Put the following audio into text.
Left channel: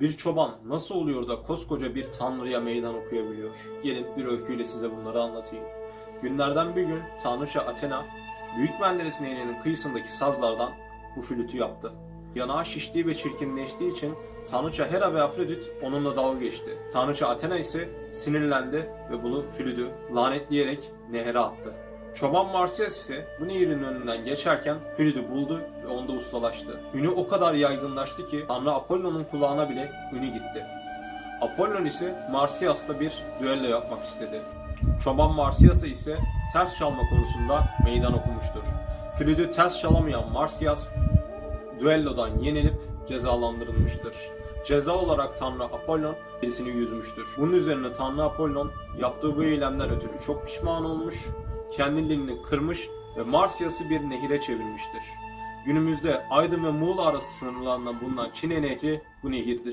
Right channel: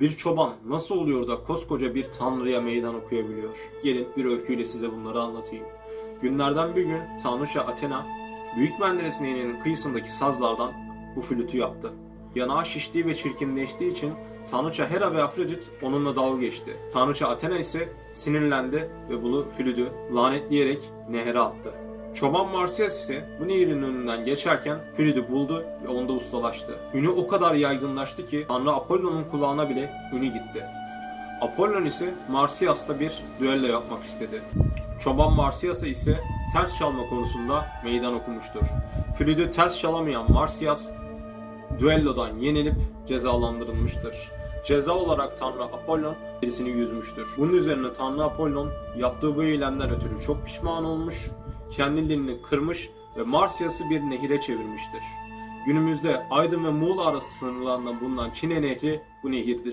Bir çoban nasıl oluyor da koskoca bir tanrıya meydan okuyabiliyor? Gelin bir öyküyle size bunları anlatayım. Günlerden bir gün tanrıça Athena, Büyük Menderes Nehri'nin kıyısındaki sazlardan bu flütü yaptı. Yanağı şiştiği ve çirkinleştiği için Tanrıça Hera ve Afrodit onunla dalga geçti. Tanrıça Athena ise sinirlendi ve bunu flütü lanetleyerek nehre attı. Çoban Marsyas ise bu nehrin önünden geçerken flütü buldu ve onda ustalaştı. Ünü o kadar yaygınlaştı ki Tanrı Apollon'un kulağına bile ünü gitti. Apollon ise Marsyas'la bir düello yapmak istedi. Çoban Marsyas'a ise ters çalma konusunda meydan okumuştur. Flütü ters çalamayan Marsyas düellodan yenilip cezalandırılmıştır. Ceza olarak Tanrı Apollon birisini yüzmüştür. Bunun üzerine Tanrı Apollon yaptığı bu eylemden ötürü çok pişman olmuş, kendi dilini kırmış ve Marsyas'ı bir nehire çevirmiştir. Günümüzde Aydın ve Muğla arası sınırlarında bulunan Çine Nehri bu nehirdir.